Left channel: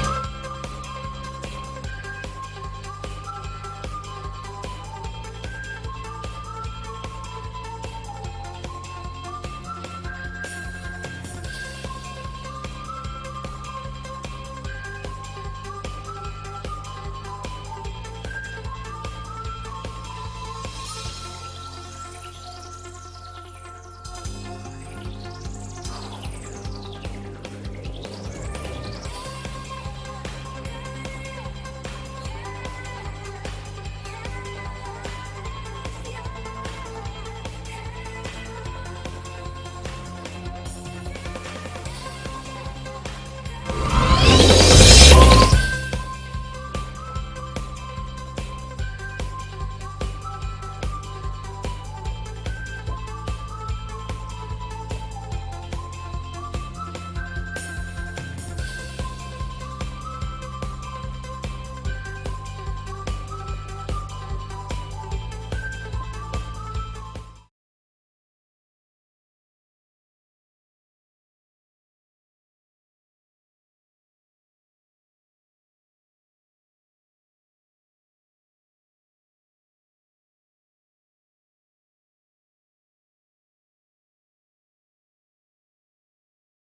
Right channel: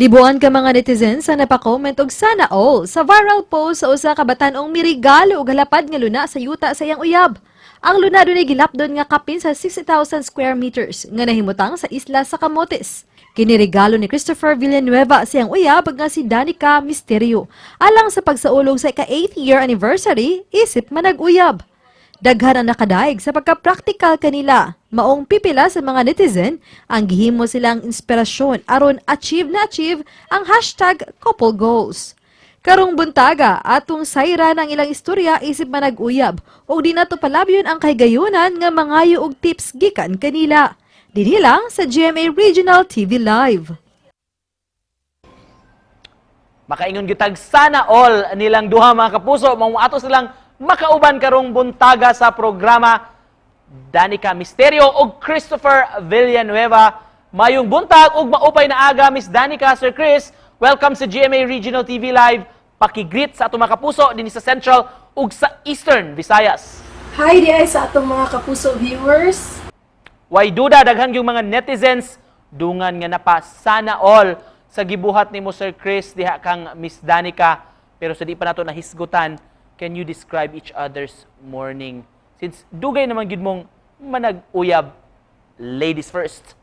Libuan ka mga netizens sa napakomment og sana all sa viral post sa usa ka batan-ong mirigalo og halapad nga luna sa yuta sa iyang uyab. Ang luna dunay gilapdon nga kapin sa 60,000 square meters nga nahimutang sa isla sa Camotes. Kinirigalo ni Christopher Villanueva sa iyang uyab nga si Danica Misterio alang sa pagsaulog sa ika-8-year anniversary isip manag-uyab. Daghan ang nakadaig sa pagka-practical kanila, maong pipila sa mga netizen ang gihimo silang inspirasyon aron achieve ang hashtag couple goals. Karong buntaga, atong sayra ng ilang istorya isip manag-uyab o di nato palabyon ang kahigayunan nga mangayo og tips gikan kanila. Dinhi lang sa GMA Regional TV Live. Makaingon gitag sana all nilang duha mga kapuso, mao ato silang makauban karong buntaga sa programa Danica Misterio ug Christopher Villanueva. Mayong buntag ug maupay na aga, Miss Danica, Sir Chris. Welcome sa GMA Regional TV Live. Paki-greet sa atong mga kapuso din sa Central ug sa Eastern Visayas. Hi diay sa atong mga kapuso viewers. Way duda daghan yung mga netizens dungan nga napa sana all sa gibuhat nimo Sir Chris diha kang Miss Danica. Pero sa di pa nato nahisgutan, can you describe each other's morning? Since dugay naman gid mong manag-uyab, ladies first.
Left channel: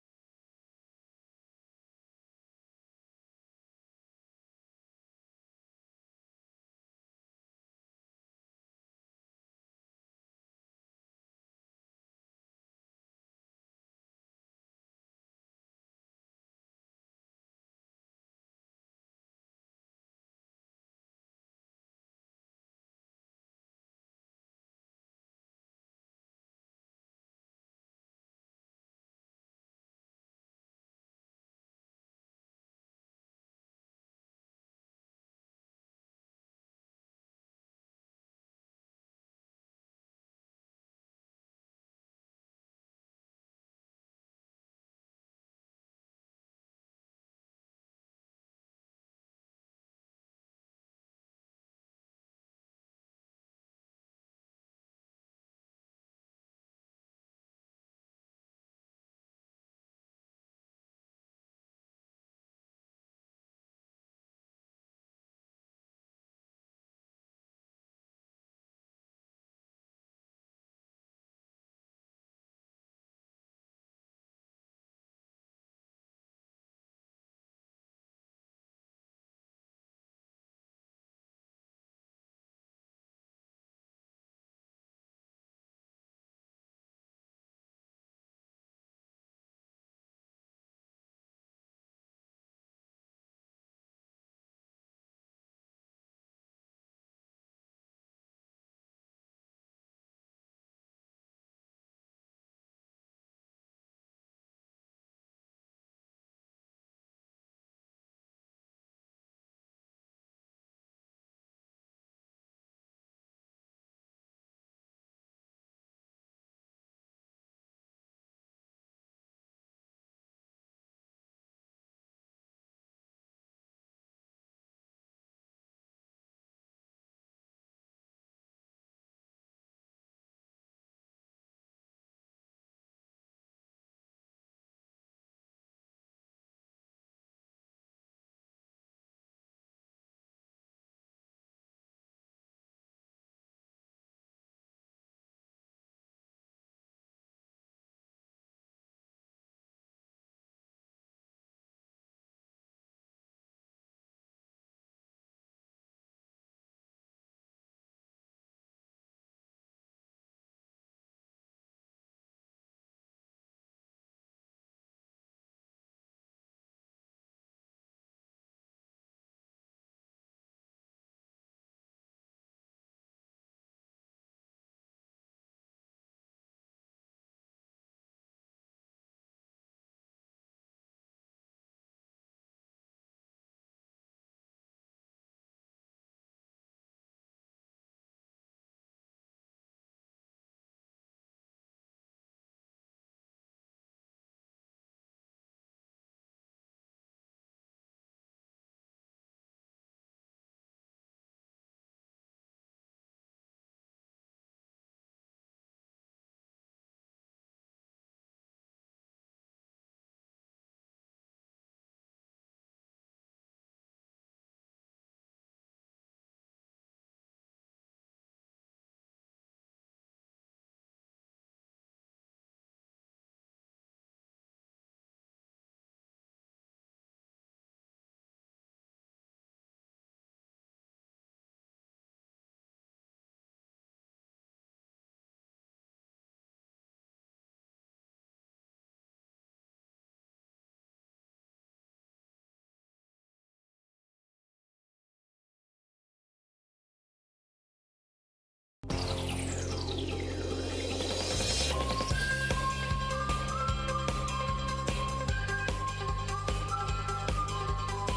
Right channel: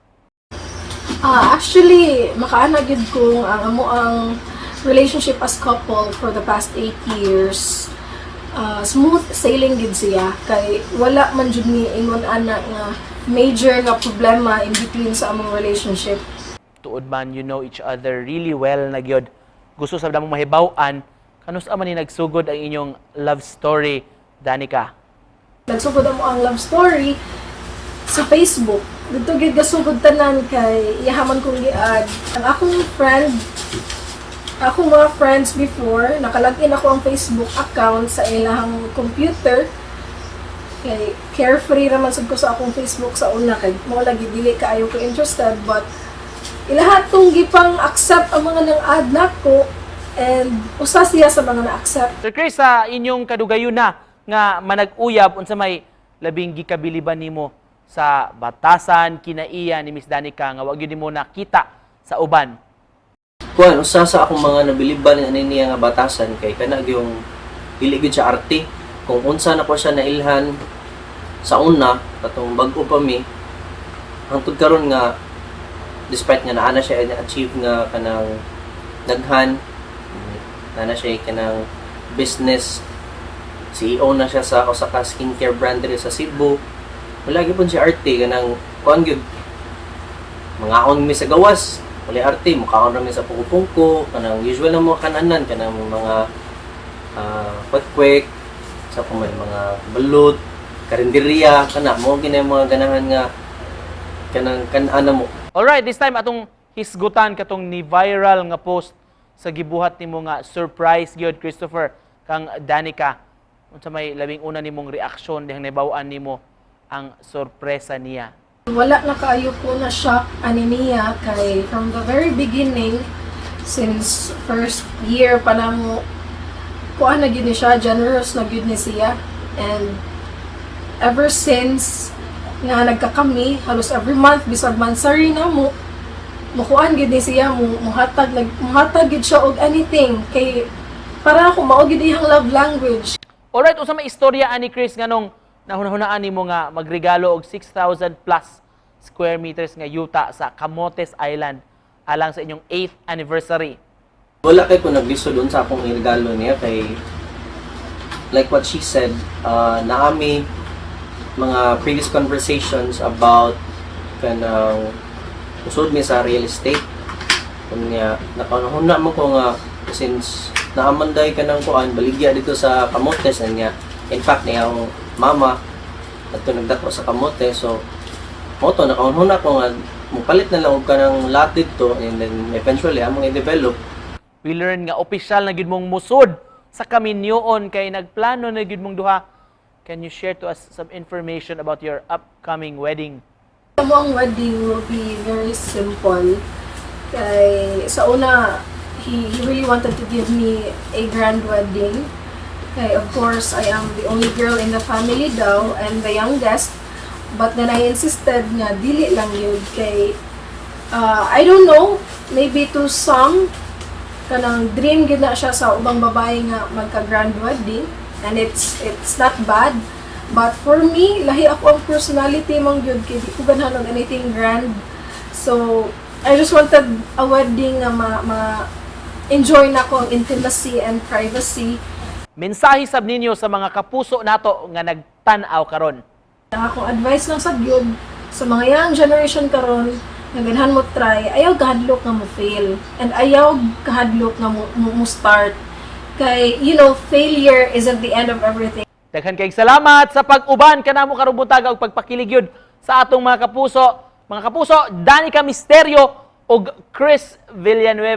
Actually, makaana gid ko ang amo ang relationship as couple for the past 8 years. Smooth sailing gid siya kay wala man jud ni ingon ana nga major nga problema in between sa among relationship. Tuod man you know each other really well na gyud. Gusto sa damong mahibaw-an kanus man ni nagsugod ang inyong love story, Danica? Nagsugod mo ang love story sa Facebook. Dito gid gasugod tanan kay iyahaman kong giad. Ang akong mga friends before, nakalagin ako ang Facebook account sa ilang computer. Kay carefree raman sad ko sa akong Facebook sa una kay mo lagi dili kaayo ko interested, but ilahat tong gipang accept ang mga nang add nako and usa siya sa mga na-accept. Sir Chris, sa inyong kadugayon na nga manag-uyab unsa may labing gikabiliban nimo sa batasan kinaiya ni Miss Danica nga wa gyud nimo nakita sa uban? Kuan usa sa akong mga nabiliban ani niya nga batasan kay kana gyung dili gyud siya arte. Kung unsa na ko siya nailhan sa una katong bag-o pa mi hangtod karon nga despite nga naa na siya achieve nga kanang daghan na siya kanang business CEO na siya sa ka skincare brand diri sa Cebu. Wala gyud pud siya arte kanang kuan gyud mangaon mi sa gawas. Wala arte mukaon ra mi sa pungko-pungko kanang usual na mga kananan kanang mga quick sa mga balut, karinderya kana mo ginay mga ganahan nga kanang kan-ana mo. Alright, this time atong hisgutan katong ni viral nga post sa gibuhat nimo nga surprise gyud Christopher kang Danica. Unsa may labing una nimong reaksyon dihang nabaw-an nimo ang sorpresa niya? Wala na kaayo ko na shock ani niya kay from the very beginning, since first year pa namo kuan na gyud ni siya, generous na gyud ni siya, and ever since nga nagkakami halos every month bisag mansari na mo mukuan gyud ni siya muhatag gyud siya og anything kay para ako mao gyud iyang love language. Alright, usa may istorya ani Chris nganong nahunahunaan nimo nga magregalo og 6,000 plus square meters nga yuta sa Camotes Island alang sa inyong 8th anniversary. Wala kay ko naglisod dun sa akong regalo niya kay like what she said, naami mga previous conversations about kanang usod mi sa real estate. Kunya nakanahuna mo ko nga since naamanday ka ng kuan baligya dito sa Camotes niya. In fact niya ang mama adto nagdako sa Camotes, so mo to nakahuna ko nga mupalit na lang og kanang lot dito and then eventually among i-develop. We learn nga opisyal na gyud mong musod sa kaminyoon kay nagplano na gyud mong duha. Can you share to us some information about your upcoming wedding? Ang wedding will be very simple. Kay sa una, he really wanted to give me a grand wedding. Kay of course, I am the only girl in the family daw and the youngest. But then I insisted nga dili lang yun kay I don't know, maybe to some kanang dream gid na siya sa ubang babae nga magka-grand wedding, and it's not bad. But for me, lahi ako ang personality mong gyud kay di ko ganahan og anything grand. So I just wanted a wedding nga enjoy na ko ang intimacy and privacy. Mensahe sab ninyo sa mga kapuso nato nga nagtan-aw karon. Ang akong advice lang sa gyud sa mga young generation karon nga ganahan mo try, ayaw kahadlok nga mo fail, and ayaw kahadlok nga mo start. Kay, you know, failure isn't the end of everything. Daghan kayong salamat sa pag-uban kanamo karong buntaga ug pagpakilig yun sa atong mga kapuso. Mga kapuso, Danica Misterio ug Chris Villanueva.